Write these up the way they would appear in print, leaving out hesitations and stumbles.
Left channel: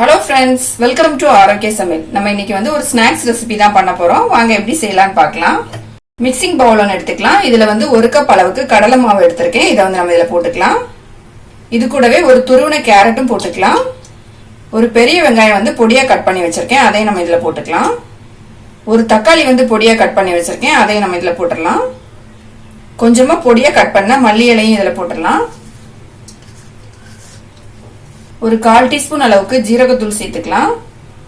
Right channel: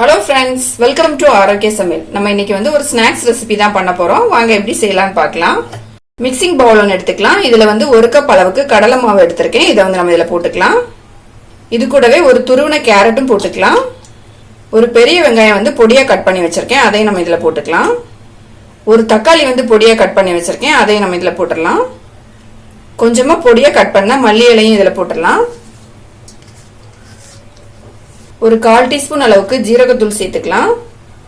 Hello friends, welcome to ஆரோக்கிய சமையல். நம்ம இன்னைக்கு வந்து ஒரு ஸ்நாக்ஸ் ரெசிபி தான் பண்ண போறோம். வாங்க எப்படி செய்யலாம்னு பார்க்கலாம். மிக்சிங் பவுல் ஒன்று எடுத்துக்கலாம். இதுல வந்து 1 கப் அளவுக்கு கடலை மாவு எடுத்திருக்கேன். இதை வந்து நம்ம இதுல போட்டுக்கலாம். இது கூடவே ஒரு துருவின கேரட்டும் போட்டுக்கலாம். ஒரு பெரிய வெங்காயம் வந்து பொடியா கட் பண்ணி வச்சிருக்கேன், அதையும் நம்ம இதுல போட்டுக்கலாம். ஒரு தக்காளி வந்து பொடியா கட் பண்ணி வச்சிருக்கேன், அதையும் நம்ம இதுல போட்டுடலாம். கொஞ்சமா பொடியா கட் பண்ண மல்லி இலையும் இதுல போட்டுடலாம். ஒரு 1/4 டீஸ்பூன் அளவுக்கு ஜீரகத்தூள் சேர்த்துக்கலாம்.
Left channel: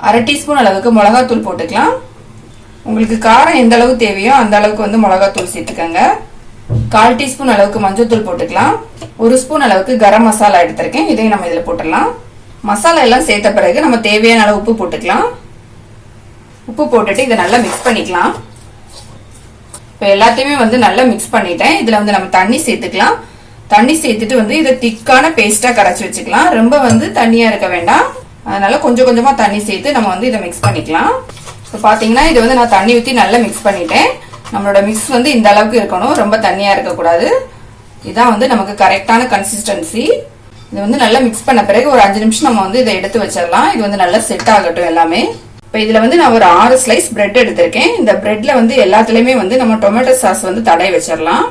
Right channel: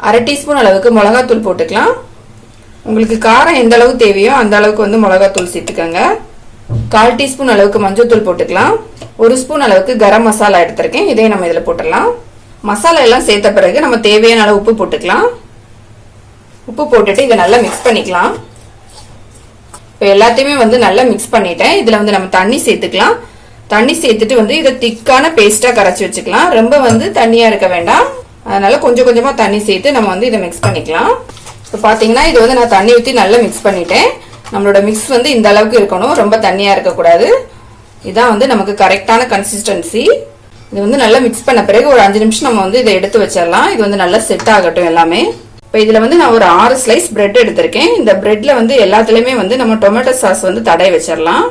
1/2 டீஸ்பூன் அளவுக்கு மிளகாத்தூள் போட்டுக்கலாம். உங்களுக்கு காரம் எந்த அளவு தேவையோ அந்த அளவுக்கு வந்து மிளகாத்தூள் சேர்த்துக்கோங்க. 1/4 டீஸ்பூன் அளவுக்கு மஞ்சள்தூள் போட்டுக்கலாம். 1 ஸ்பூன் அளவுக்கு கரம் மசாலா எடுத்திருக்கேன், இதையும் நம்ம இதுல போட்டுடலாம். மசாலா எல்லாம் சேர்த்த பிறகு நம்ம தேவையான அளவு உப்பு போட்டுக்கலாம். உப்பு போட்டுட்டு இதை நல்லா மிக்ஸ் பண்ணிக்கலாம். இப்போ எல்லாத்தையுமே வந்து நல்லா மிக்ஸ் பண்ணிட்டேன். இதுல வந்து நம்ம தண்ணி சேர்த்துக்கலாம். தண்ணி சேர்த்துட்டு வந்து இதை திக்கான பேஸ்டா கரைச்சி வச்சுக்கலாம். ரொம்ப வந்து தண்ணியா இருக்க வேண்டாம், அதனால கொஞ்சம் கொஞ்சமா தண்ணி சேர்த்து நம்ம வந்து இதை மிக்ஸ் பண்ணிக்கலாம். இப்போ பாத்தீங்கன்னா இது வந்து நான் தண்ணி ஊற்றி நல்லா மிக்ஸ் பண்ணிட்டேன். நம்மளோட மிக்ஸ் வந்து இந்த அளவுக்கு இருக்கணும், ரொம்ப தண்ணியா இருக்கக்கூடாது. இதான் வந்து நமக்கு கரெக்டான கன்சிஸ்டன்சி. இது வந்து நல்லா மிக்ஸ் பண்ண பிறகு ஒரு 5 நிமிஷம் நம்ம வந்து இதை எடுத்து வச்சிடலாம். இது வந்து நல்லா செட் ஆகட்டும் எல்லாமே. இப்போ இதுல வந்து நான் ஒரு 6 ஸ்லைஸ் பிரெட் எடுத்திருக்கேன். இந்த பிரெட்ல வந்து எல்லாத்துலயுமே வந்து நம்ம டொமேட்டோ சாஸ் வந்து தடவி வச்சிடலாம்.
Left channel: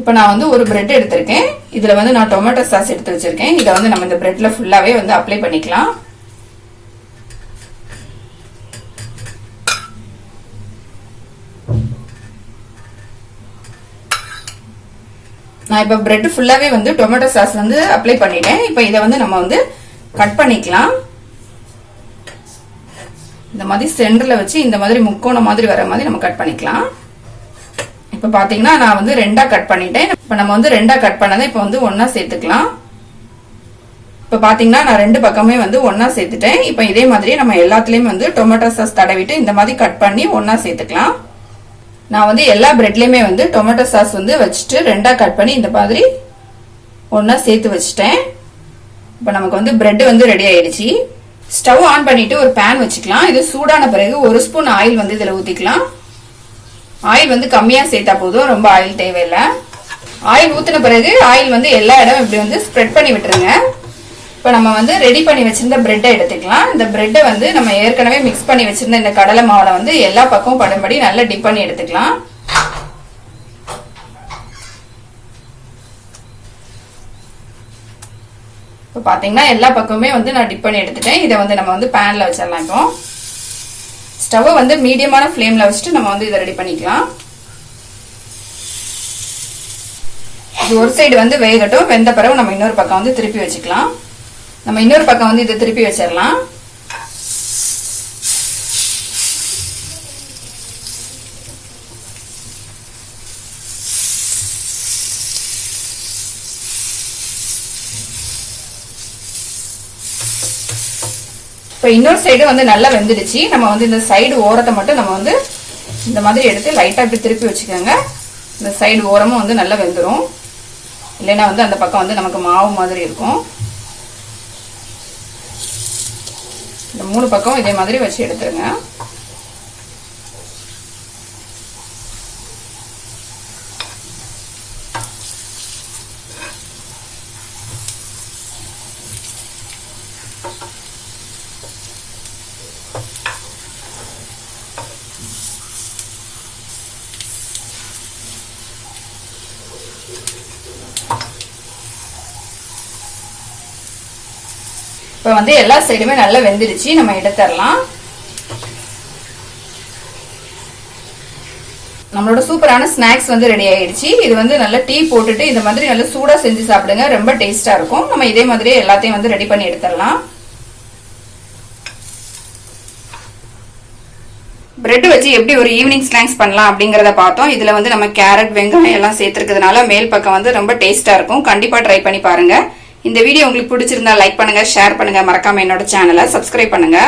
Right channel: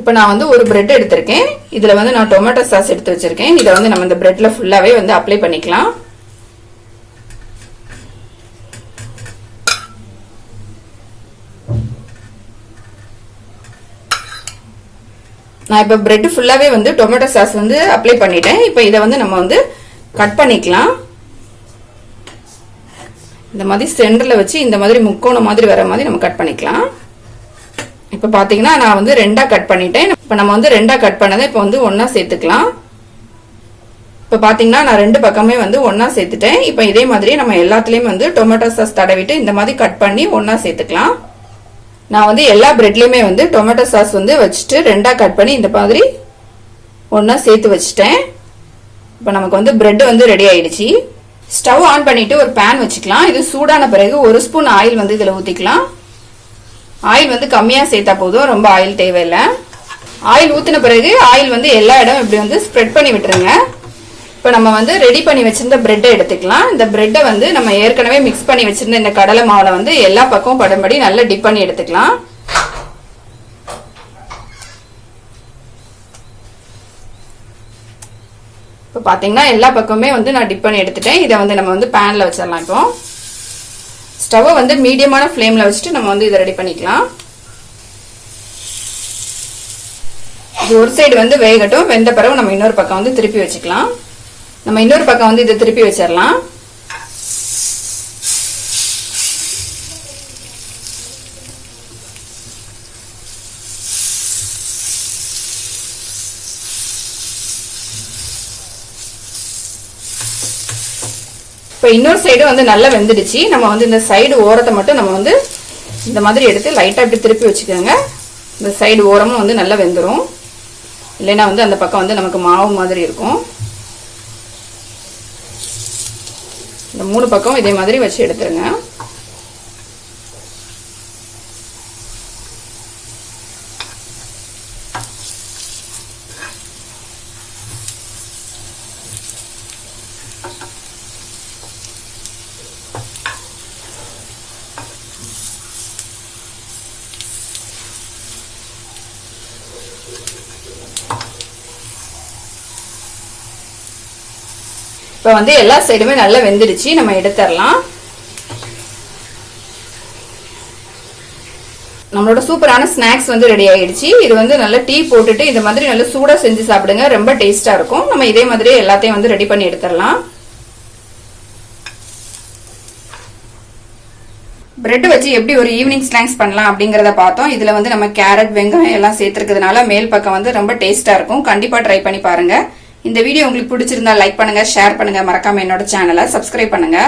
இப்ப நான் வந்து ஒரு பிரெட் எடுத்திருக்கேன். இதுல வந்து நான் டொமேட்டோ சாஸ் எடுத்து வச்சிருக்கேன். இதை வந்து நம்ம இந்த பிரெட்ல ஃபுல்லாவே வந்து அப்ளை பண்ணிக்கலாம். நான் இப்ப பிரெட் ஃபுல்லாவே வந்து டொமேட்டோ சாஸ் வந்து அப்ளை பண்ணிட்டேன். இப்ப இதை வந்து நம்ம வந்து கட் பண்ணிக்கலாம். இந்த மாதிரி சென்டர்ல வச்சு இந்த மாதிரி முக்கோணம் மாதிரி வர மாதிரி நம்ம கட் பண்ணிக்கலாம். இப்ப பாத்தீங்கன்னா நான் வந்து 2ஆ கட் பண்ணிட்டேன். இப்ப நம்ம வந்து 2ஆ கட் பண்ணதை இப்ப வந்து ஒன்னா சேர்த்துக்கலாம். இப்ப பாத்தீங்கன்னா நான் 2 பக்கமே வந்து ஒன்னா சேர்த்துட்டேன். இப்ப இதே மாதிரி நம்ம எல்லாத்துலயும் வந்து டொமேட்டோ சாஸ் தடவிட்டு இந்த மாதிரி கட் பண்ணி ஒன்னா சேர்த்துக்கலாம். நான் வந்து எல்லா பிரெட்லயுமே வந்து டொமேட்டோ சாஸ் வந்து வச்சுட்டு 2ஆ கட் பண்ணி இந்த மாதிரி ஒன்னா சேர்த்து வச்சுட்டேன். இப்ப நமக்கு வந்து பிரெட் வந்து ரெடி ஆயிடுச்சு. ஸ்டவ் ஆன் பண்ணிட்டு ஒரு பேன் வச்சுக்கலாம். இது சூடான பிறகு 1 ஸ்பூன் ஆயில் வந்து இதுல ஊத்திக்கலாம். ஆயில் வந்து கம்மியா சேர்த்தா போதும், ரொம்ப ஆயில் தேவையில்லை. ஆயில் ஊத்தின பிறகு ஆயில் வந்து எல்லா இடம் இப்படி வந்து ஸ்ப்ரெட் பண்ணி விட்டுருங்க. இப்ப நம்ம வந்து ரெடி பண்ணி வச்சிருந்த பிரெட்டை எடுத்துக்கலாம். இந்த பிரெட்டை வந்து நம்ம ஏற்கனவே மிக்ஸ் பண்ணி வச்சிருந்த இந்த கடலை மாவுல வந்து எல்லா பக்கமும் படும்படி நல்லா டிப் பண்ணி எடுத்துக்கலாம். இப்ப பாத்தீங்கன்னா எல்லா பக்கமுமே வந்து நான் டிப் பண்ணி எடுத்துட்டேன். இதை வந்து நம்ம வந்து பேன்ல வச்சிடலாம். இப்போ ஸ்டவ் வந்து மீடியமான ஃப்ளேம்ல வச்சுட்டு நம்ம வந்து இதை ரெடி பண்ணிக்கலாம். இது ஒரு சைடு வந்து வேகட்டும். வெந்த பிறகு நம்ம இன்னொரு பக்கம் வந்து திருப்பி வச்சுக்கலாம். நம்ம இன்னொரு பக்கம் வந்து இதை திருப்பி வச்சிடலாம். இப்போ இன்னொரு சைடு வந்து நல்லா வெந்துடுச்சு. நம்ம வந்து இந்த சைடு ஓரத்தை மட்டும் நம்ம வந்து இந்த மாதிரி எடுத்து லைட்டா இப்படி திருப்பி வச்சுக்கோங்க. இந்த சைடு ஓரமும் வந்து நல்லா வெந்துடும், இல்லைன்னா வந்து அந்த பக்கம் வந்து நமக்கு மாவு மாதிரி இருக்கும். இந்த 3 பக்கம் இதே மாதிரி வச்சு எடுத்துருங்க. இப்ப வந்து எல்லா சைடுமே நல்லா வெந்துடுச்சு, நம்ம எடுத்துடலாம். நம்மளோட சூப்பரான ஸ்நாக்ஸ் வந்து ரெடி ஆயிடுச்சு. இது வந்து நல்லா டீ போட்டுட்டு இந்த மாதிரி நல்லா சூடா செஞ்சு சாப்பிடுங்க, ரொம்ப டேஸ்டா இருக்கும். நம்ம இதே மாதிரி எல்லாத்தையும் வந்து ரெடி பண்ணி எடுத்துடலாம். பிரெட் வச்சு எப்படி ஒரு ஈவினிங் ஸ்நாக்ஸ் பண்ணலாம் அப்படிங்கறத பார்த்தோம். இதுல வந்து நம்ம கேரட், வெங்காயம் எல்லாம் சேர்த்துருக்கிறதுனால மேல் பக்கம் வந்து ரொம்ப டேஸ்டா இருக்கும். கண்டிப்பா ட்ரை பண்ணி பாருங்க. இந்த வீடியோ உங்களுக்கு பிடிச்சிருந்தா லைக் பண்ணுங்க, ஷேர் பண்ணுங்க, மறக்காம என்னோட சேனலை சப்ஸ்கிரைப் பண்ணுங்க.